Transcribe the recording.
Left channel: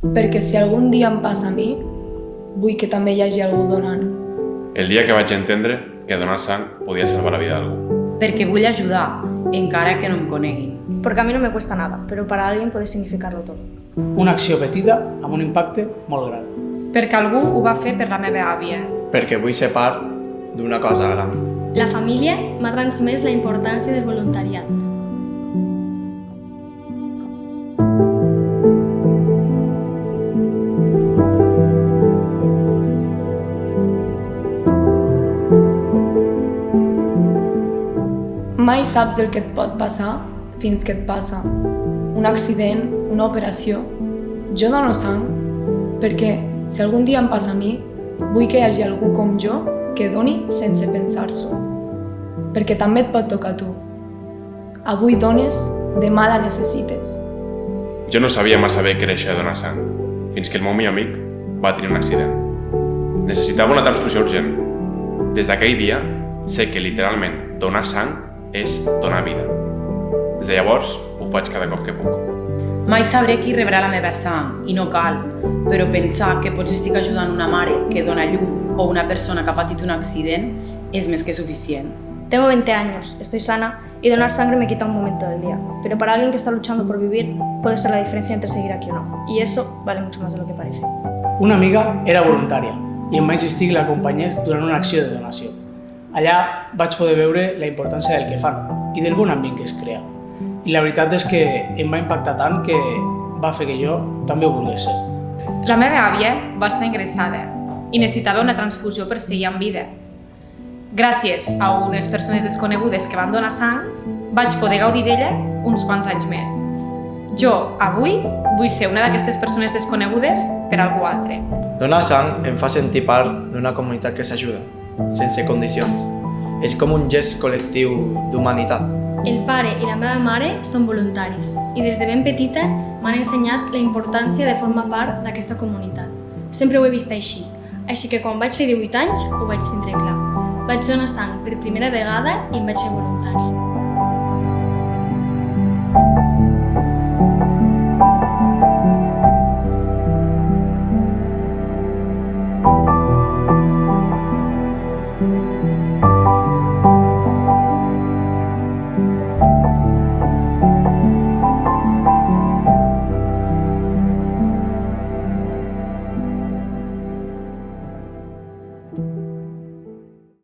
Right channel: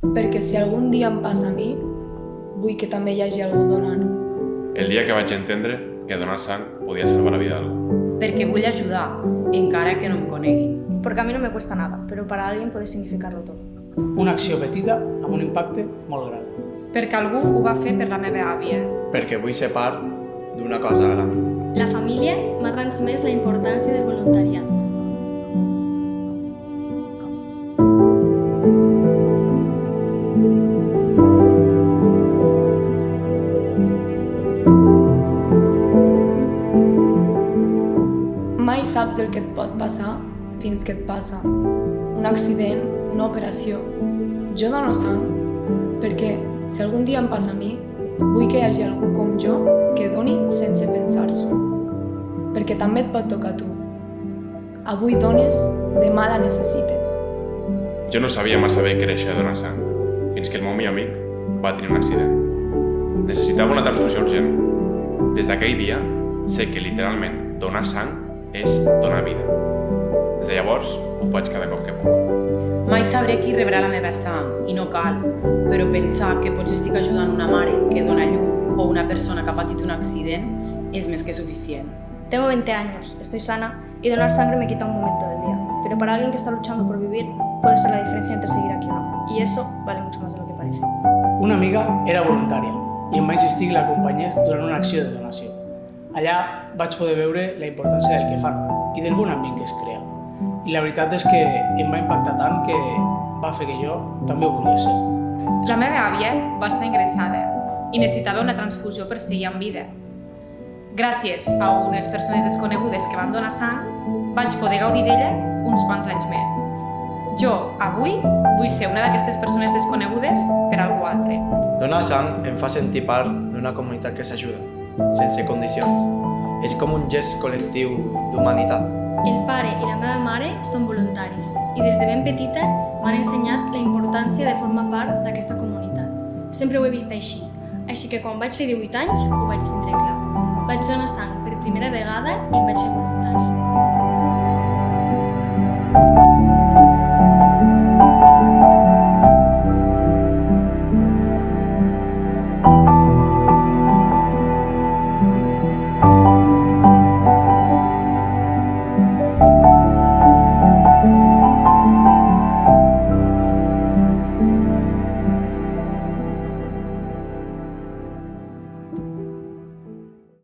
Perquè si algun dia em passa a mi, vull que també hi hagi algú donant. El dia que vaig entendre que donar sang podia salvar la vida d'algú. Perquè vull ajudar, encara que no em coneguin. Porque a mí no me cuesta nada, pero para alguien puede significarlo todo. Una acció petita amb un impacte molt gran. Perquè algú ho va fer per la meva àvia. Perquè vull ser part d'una cosa gran. La família m'ha transmès la importància del voluntariat. Mai saps el que et pot passar fins que et passa. Un accident, una operació. Jo dono sang perquè si algun dia em passa a mi, vull que hi hagi algú com jo que doni sense pensar-s'ho. Perquè també et pot tocar a tu. Avui dones, demà la necessites. Jo no sabia massa bé què era això de donar sang, fins que el meu millor amic va tenir un accident. Necessitava una transfusió urgent. Des d'aquell dia, sé que literalment donar sang és donar vida. Des de llavors, ho faig cada cop que puc. Mai sabré qui rebrà la meva sang, i no cal, però pensar que potser estic ajudant una mare que dona llum o una persona que ha patit un accident és més que suficient. Tengo 20 años, estoy sana y donar sangre me quita un momento del día. Pero para alguien que está luchando por vivir, puede ser la diferencia entre seguir aquí o no. Y eso vale mucho más de lo que parece. Una amiga era voluntària i em va insistir que l'acompanyés durant una acció de donació. Allà vaig poder veure la importància del que fan i del bon ambient que es crea. I la veritat és que em va impactar tant que va fer que jo també ho volgués ser. La meva àvia va estar ingressada i necessitava una transfusió per seguir amb vida. Gràcies a unes persones desconegudes que van donar sang, vaig poder gaudir d'ella uns quants anys més. Jo, avui, vull ser una d'aquestes persones desconegudes per algú altre. Donar sang em fa sentir part d'una comunitat que s'ajuda, sense condicions. És com un gest col·lectiu d'humanitat. El pare i la meva mare són voluntaris i des de ben petita m'han ensenyat la importància de formar part d'aquesta comunitat. Sempre ho he vist així que quan vaig fer 18 anys ho vaig tindre clar. Vaig donar sang per primera vegada i em vaig fer voluntari.